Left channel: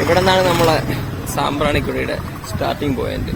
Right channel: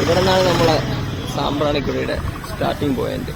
ഇവിടെ നിന്നാണ് നമ്മളെ സാമ്പ്രാണിക്കുടിയുടെ സ്റ്റാർട്ടിംഗ് പോയിന്റ്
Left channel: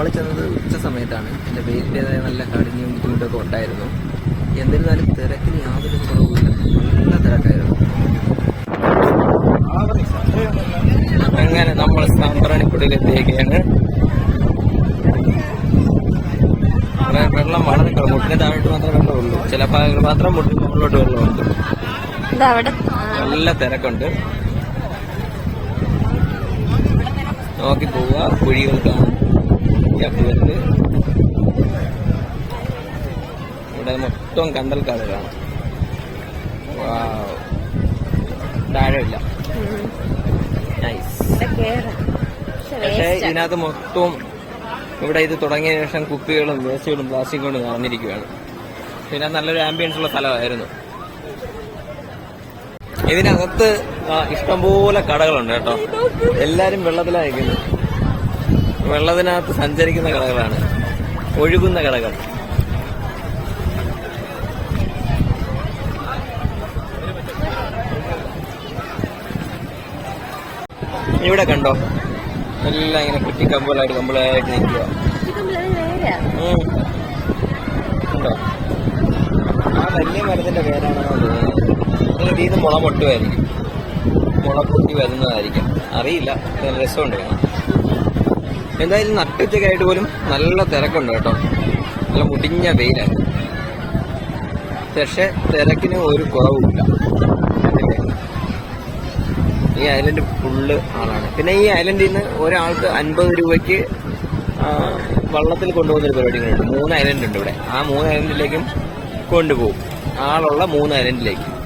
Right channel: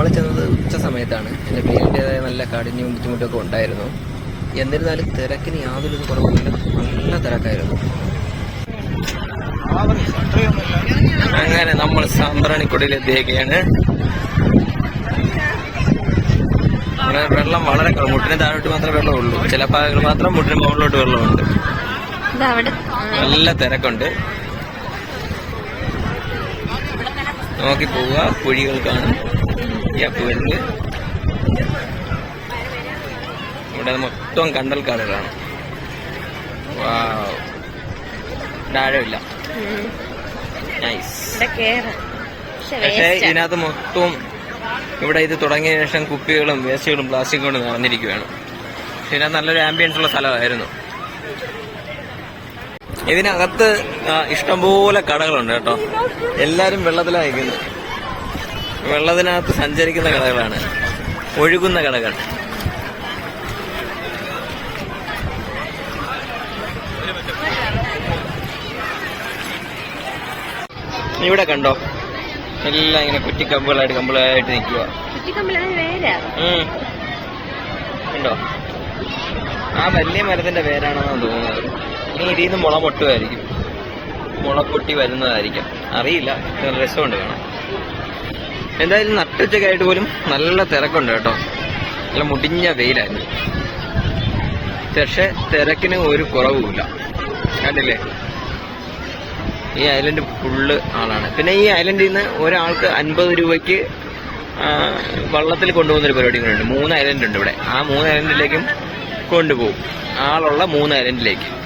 നമ്മൾ ചെന്നത് ഉച്ച സമയത്താണ്. പിന്നെ വെയിലിന്റെ നല്ല കടിഞ്ഞും ബുദ്ധിമുട്ടൊക്കെ ഉണ്ടായിരുന്നു. എന്നിരുന്നാലും തിരക്കിന് യാതൊരു കുറവുമില്ല. നല്ല തിരക്കായിരുന്നു. അങ്ങനെ നമ്മൾ സാമ്പ്രാണിക്കുടിയിൽ എത്തിയേക്കാണ് വെള്ളം വളരെ കുറവ്. മുട്ടിന് താഴോട്ട് മാത്രമേ വെള്ളമുള്ളൂ. ചില ഭാഗങ്ങൾ മാത്രം മുട്ടിന് മുകളിലോട്ട് വെള്ളമുണ്ട്. നല്ല തിരക്കുണ്ട്. നോക്കി പോവുക. കുഴികൾ കാണും. ഗ്യാപ്പുകളിൽ ഇവിടെ മൊത്തം കണ്ടൽ കാടുകളാണ്. നൈസ്. പക്ഷേ ഇതിനകത്ത് മൊത്തം ഇവിടെ ഇത് തുടങ്ങിയ ശേഷം കുപ്പികളും വേസ്റ്റുകളും പ്ലാസ്റ്റിക്കുകളും കൊണ്ട് നിറഞ്ഞിരിക്കുകയാണ് പക്ഷെ ഇതിനകത്ത് നല്ലൊരു ആംബിയൻസ് ഉള്ള സ്ഥലമായിരുന്നു. ഇതിനകത്ത് ഇഷ്ടംപോലെ കടകളുണ്ട് കേട്ടോ. എല്ലാരും വെള്ളത്തിലായിരിക്കുന്നു വെള്ളത്തിനകത്ത് സഞ്ചരിക്കുന്ന കടകളാണ്. ഒഴുകുന്ന കടകൾ. ഇവിടെ കണ്ടോ? എല്ലാം ഇങ്ങനെ കുറ്റി കമ്പുകളായിട്ട് നിൽക്കുക. ഉം. ഉണ്ടോ ആ വലിയ മരത്തിന്റെ പേരാണെന്നാണ് തോന്നുന്നത്. ഇനി ഇതിൽ നിന്ന് മുള പൊട്ടുമായിരിക്കും. മുള പൊട്ടി വരുന്നതായിരിക്കാം. അറിയില്ല. രസമുണ്ട് കാണാൻ. എന്തായാലും നട്ടുച്ചക്കായിട്ട് പോലും നല്ല തിരക്കുണ്ട് കേട്ടോ. നല്ല മുടിഞ്ഞ വെയിലായിരുന്നു. പക്ഷെ തിരക്കിന് ഒരു കുറവുമില്ല. കണ്ടില്ലേ? ഈ ഐലൻഡ് ഫുള്ള് ആളാണ്. പിന്നെ ഈ ഐലൻഡിൽ നിന്ന് ഒരാൾക്ക് അൻപത് രൂപയ്ക്ക് വള്ളത്തിൽ കൊണ്ടുപോകുന്ന ഒരു പരിപാടി കൂടെ ഉണ്ട്. മൂന്ന് ഐലൻഡ് ഉണ്ട് ഇവിടെ. ആ മൂന്ന് ഐലൻഡിലേക്കും കൊണ്ടുപോകും. ആളുള്ള മൂന്ന് ഐലൻഡിലേക്ക്.